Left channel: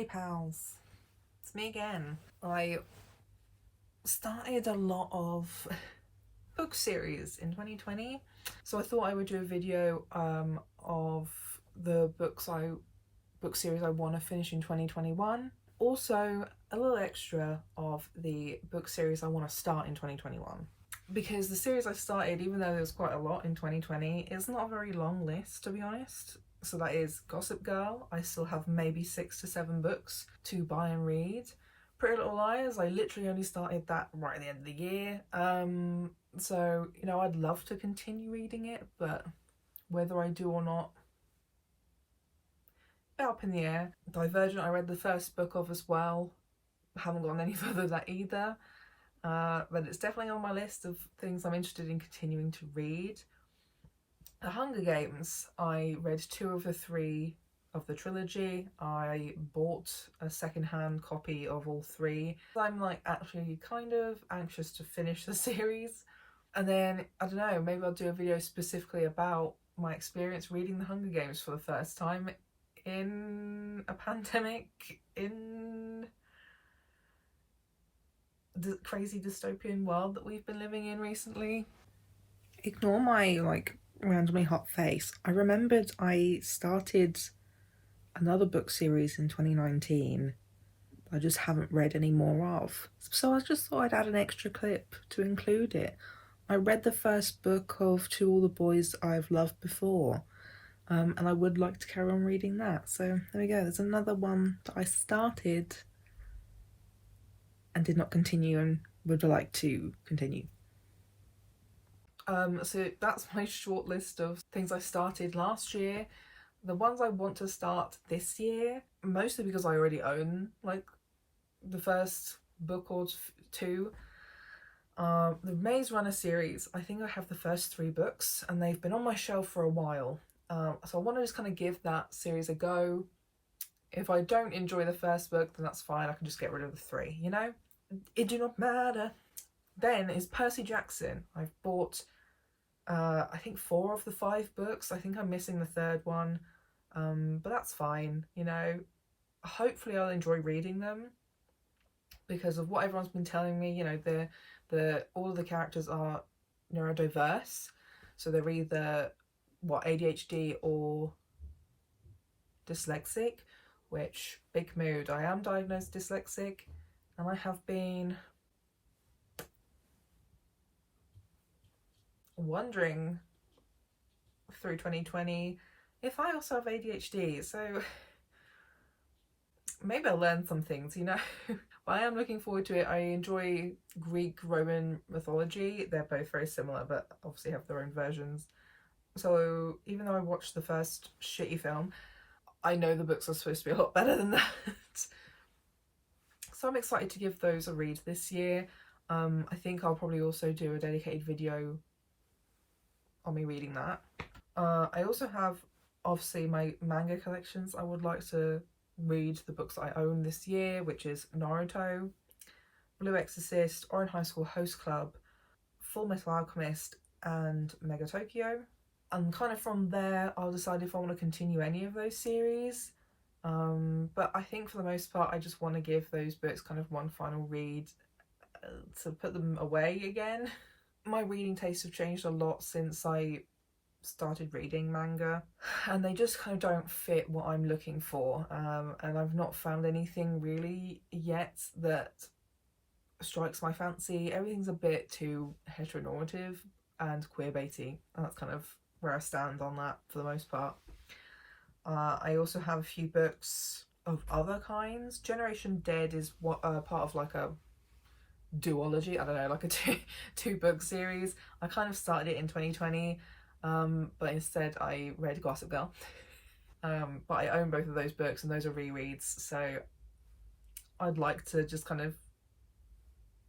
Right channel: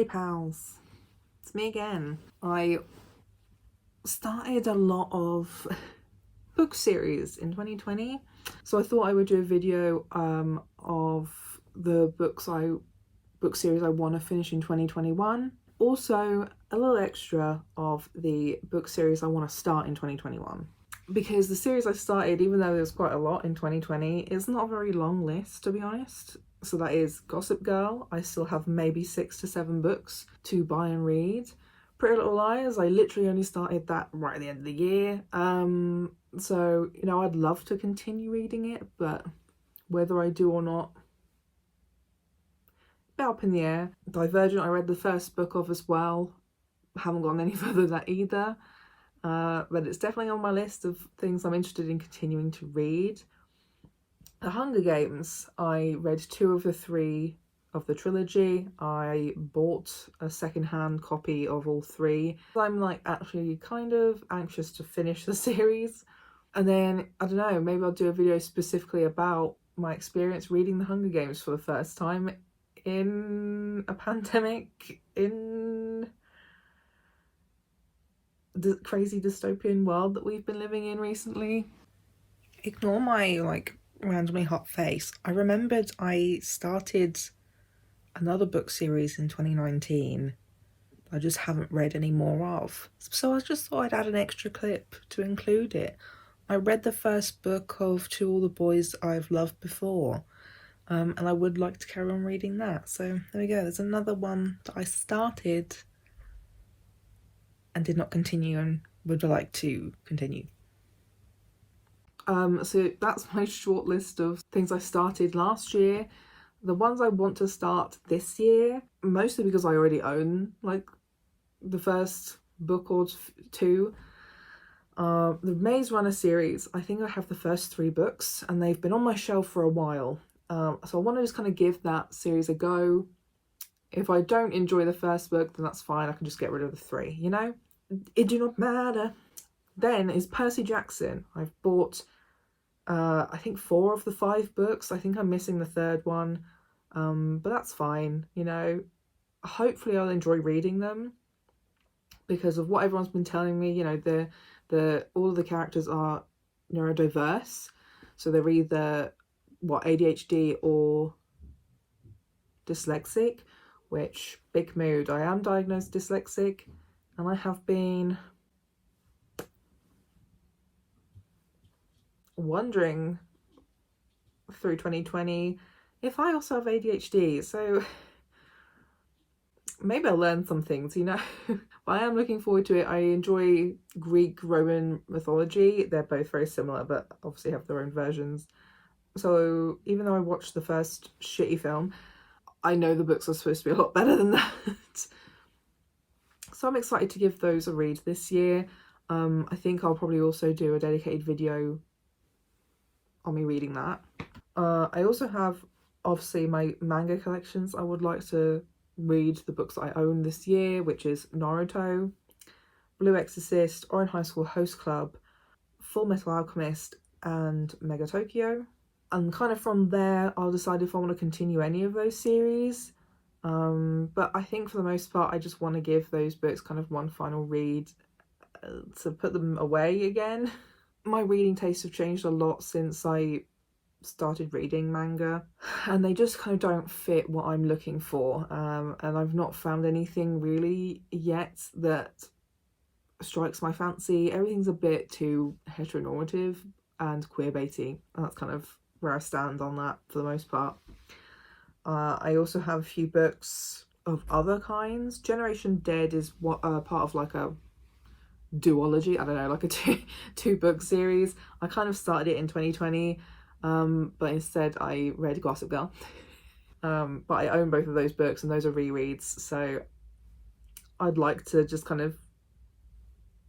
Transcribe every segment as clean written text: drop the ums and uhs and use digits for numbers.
Hey pals, it's me again. I started a lot of book series in 2020, so I thought I would do a video of the book series I want to finish in 2021. Also a little extra of the book series I want to start in 2021. Because the series I started, even though there was quite a lot in 2020, it's not a very long list, to be honest. So that is Gossip Girl. I still have maybe 6 to 7 books to buy and read. Pretty Little Liars, I literally only started that right at the end of the year. So, you know, I'd love to continue reading it, but whether I do or not, a bit up in the air. Divergent, I read the first book of as well. Haven't gone any further than that either. But it's definitely on my list of things I'm interested in continuing to read. The Hunger Games, I read 2 of the 3 of the trilogy. I bought a second-hand copy of all 3. I'm like actually kind of anxious to finish the series. And then, I don't know, maybe I'll do a video specifically about my experience reading The Hunger Games for the first time in a pandemic, in the crazy dystopian world that we've been living in recently. Ignore my like randomly hot face. I remembered I started another book series in 2019 I just haven't read any more of, so I just thought I'd add an extra clip to include it. I read the first book of To All the Boys I've Loved Before, and I would like to carry on reading that. So there we go, there's another one that I started and did not continue and would like to continue. So that's my short list of things I started last year. The ones I want to start this year, mostly because I already own like the first book or 2. The Maze Runner series, I think I have the first 3 books and they've been on my shelf for a while. So I want to just kind of give that series a go. If I don't enjoy the first book, then that's fine. I can just get rid of the 3, you know? It do not matter. Then is Percy Jackson. I've bought I think 4 of the 5 books. I think I'm missing the 3rd one, but that's fine, you know. Hopefully I'll enjoy reading them because of what everyone's been telling me. You know, all of the characters are neurodiverse, so they're either ADHD or dyslexic, which big mood. I am diagnosed dyslexic and I have been wondering through 2020 if I also have ADHD, so maybe I'll learn some things, you know. But I am looking forward to it. I enjoy Greek Roman mythology. They're both very similar but obviously have their own versions. So even though I watched the first shitty film, I know the books are supposed to be a lot better than that. So I'm excited to give those a read this year. I think I'll probably also do a dedicated video on me reading that. I also have obviously my manga collections. I would like to read the books that I own this year, which is Naruto, Blue Exorcist, Orange High School Host Club, Full Metal Alchemist and Mega Tokyo. And kind of from there I'll decide if I want to continue any of those series. But I think for the most part I just want to give those books kind of one final read to put them away again. My reading tastes have changed a lot since I started reading manga, and they just kind of don't fit what I'm looking for, and I've not found anything really yet that strikes my fancy. Everything's a bit too heteronormative and queerbaity, and that's kind of where I stand on that for the most part. I also have a few books of other kinds. Generation Dead is part of like a duology, I don't know, like a two book series. I kind of started it in 2020, but instead I read Gossip Girl. But I own both of those books and those are rereads, so I'd like to just kind of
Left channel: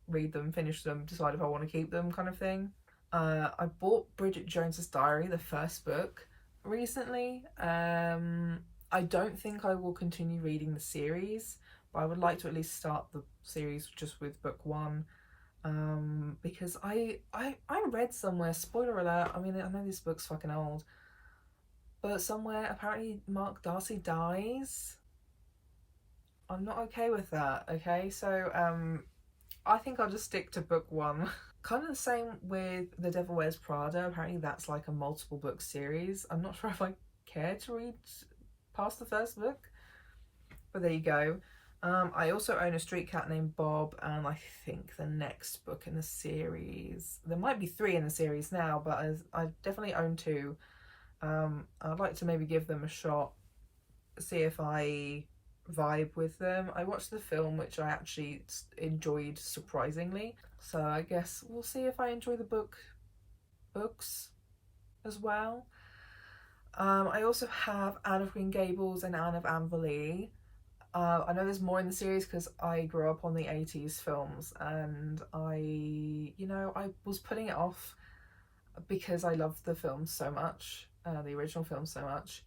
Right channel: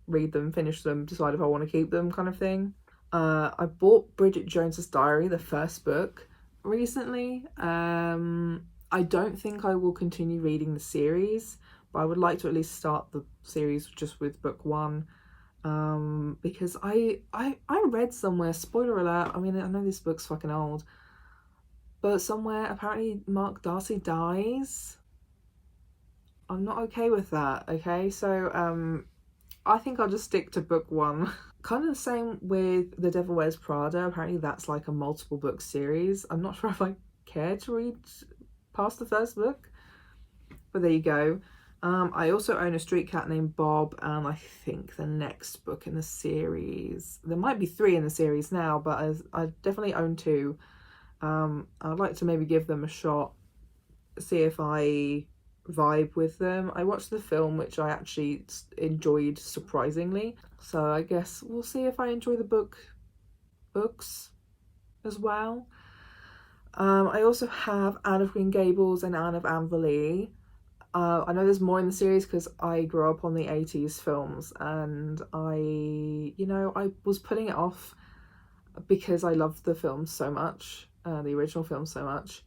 read them, finish them, decide if I want to keep them, kind of thing. I bought Bridget Jones's Diary, the first book, recently. I don't think I will continue reading the series, but I would like to at least start the series just with book 1, because I read somewhere, spoiler alert, I mean I know this book's fucking old, but somewhere apparently Mark Darcy dies. I'm not okay with that, okay? So I think I'll just stick to book one. Kind of the same with The Devil Wears Prada. Apparently that's like a multiple book series. I'm not sure if I care to read past the first book, but there you go. I also own A Street Cat Named Bob, and I think the next book in the series, there might be 3 in the series now, but I definitely own 2. I'd like to maybe give them a shot, see if I vibe with them. I watched the film, which I actually enjoyed surprisingly, so I guess we'll see if I enjoy the books as well. I also have Anne of Green Gables and Anne of Amberley. I know there's more in the series because I grew up on the 80s films, and I was putting it off because I loved the film so much, the original film so much.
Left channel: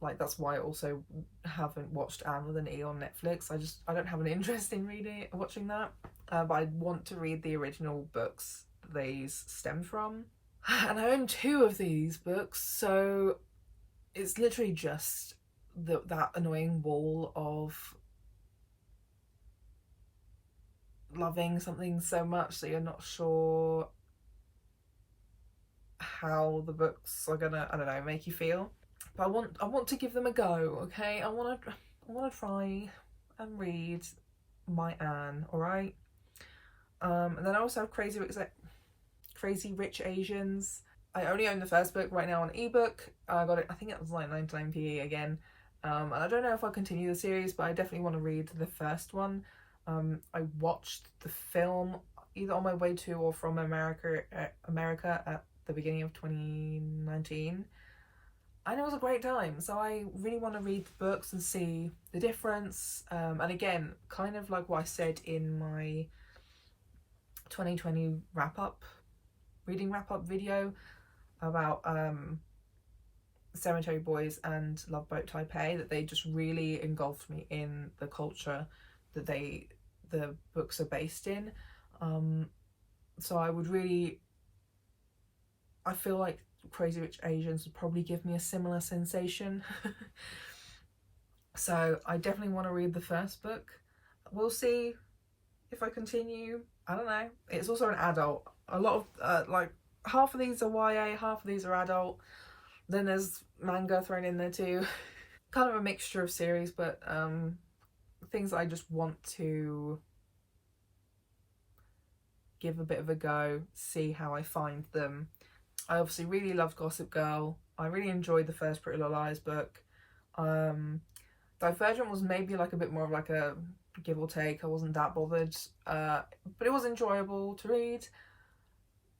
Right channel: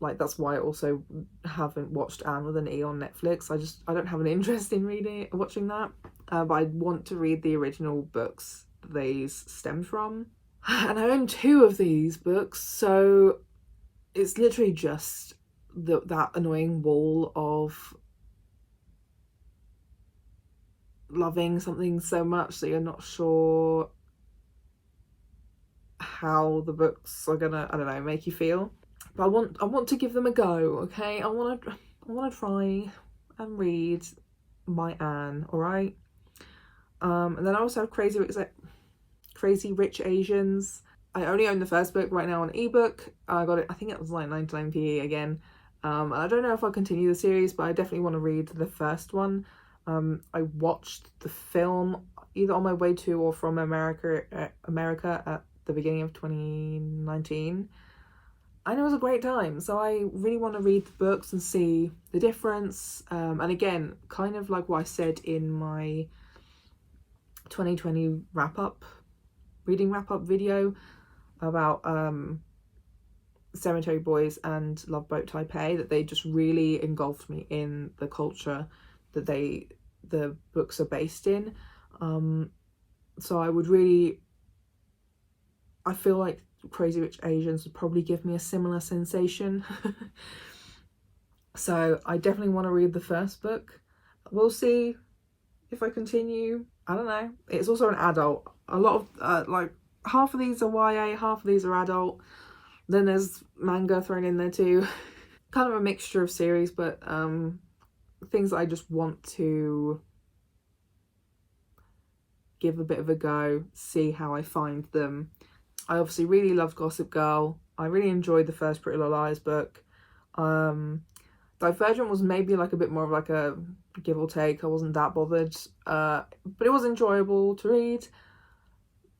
Like that's why I also haven't watched Anne with an E on Netflix. I don't have an interest in watching that, but I want to read the original books these stemmed from, and I own 2 of these books, so it's literally just that annoying wall of loving something so much that you're not sure how the books are gonna, I don't know, make you feel. But I want to give them a go, okay? I want to try and read my Anne, all right? And then I also have Crazy Rich Asians. I only own the first book right now on ebook. I got it, I think it was like 99p again. I don't know if I'll continue the series, but I definitely want to read the first one. I watched the film either on my way to or from America at the beginning of 2019, and it was a great time. So I really want to read the books and see the difference. And again, kind of like what I said in my 2020 reading wrap up video about Cemetery Boys and Love Boat Taipei, that they just really engulfed me in the culture that the books are based in. So I feel like Crazy Rich Asians would probably give me a similar sensation. So I definitely want to read the first book. We'll see if I continue. I don't know. It's also an adult. A lot of like half of these are YA, half of these are adult. Then there's manga thrown in there too. Kind of a mixture of series, but things that I just want to give a bit of a go, see how I find them. I obviously really loved Gossip Girl. I really enjoyed the first Pretty Little Liars book. Divergent was maybe like a bit more of like a give or take. I wasn't that bothered, but it was enjoyable to read.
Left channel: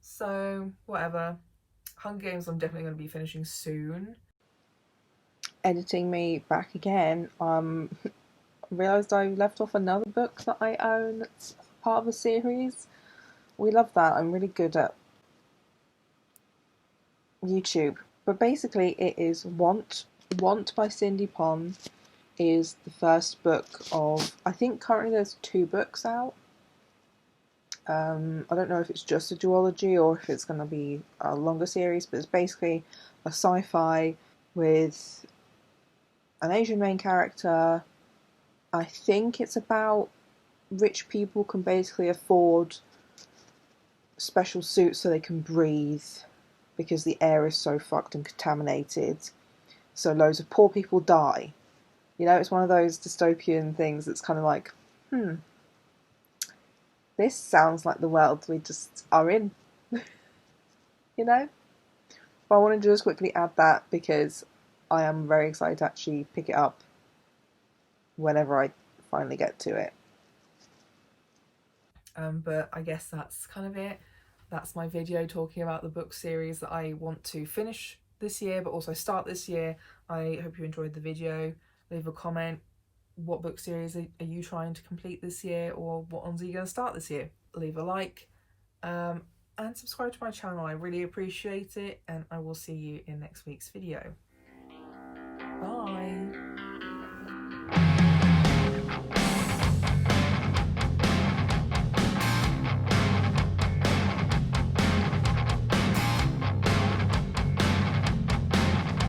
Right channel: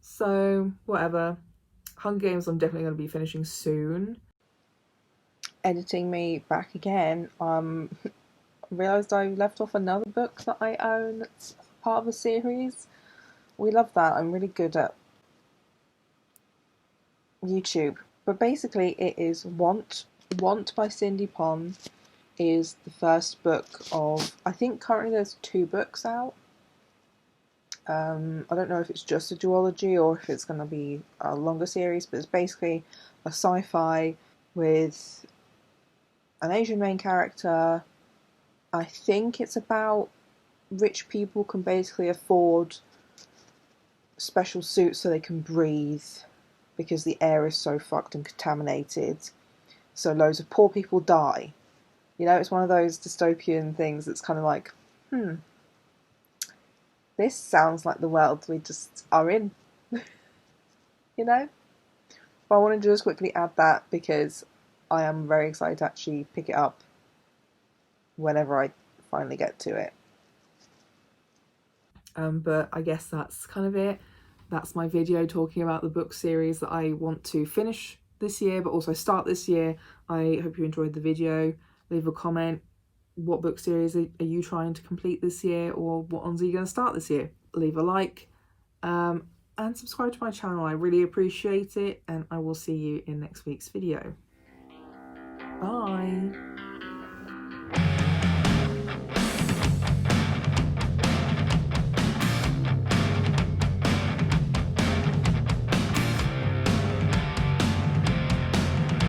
So whatever. Hunger Games I'm definitely going to be finishing soon. Editing me back again. Realised I left off another book that I own that's part of a series. We love that. I'm really good at YouTube. But basically it is Want. Want by Cindy Pon is the first book of, I think currently there's 2 books out. I don't know if it's just a duology or if it's going to be a longer series, but it's basically a sci-fi with an Asian main character. I think it's about rich people can basically afford special suits so they can breathe because the air is so fucked and contaminated. So loads of poor people die. You know, it's one of those dystopian things that's kind of like, this sounds like the world we just are in. You know? But I wanted to just quickly add that because I am very excited to actually pick it up whenever I finally get to it. But I guess that's kind of it. That's my video talking about the book series that I want to finish this year, but also start this year. I hope you enjoyed the video. Leave a comment. What book series are you trying to complete this year, or what ones are you going to start this year? Leave a like and subscribe to my channel. I really appreciate it, and I will see you in next week's video. Bye.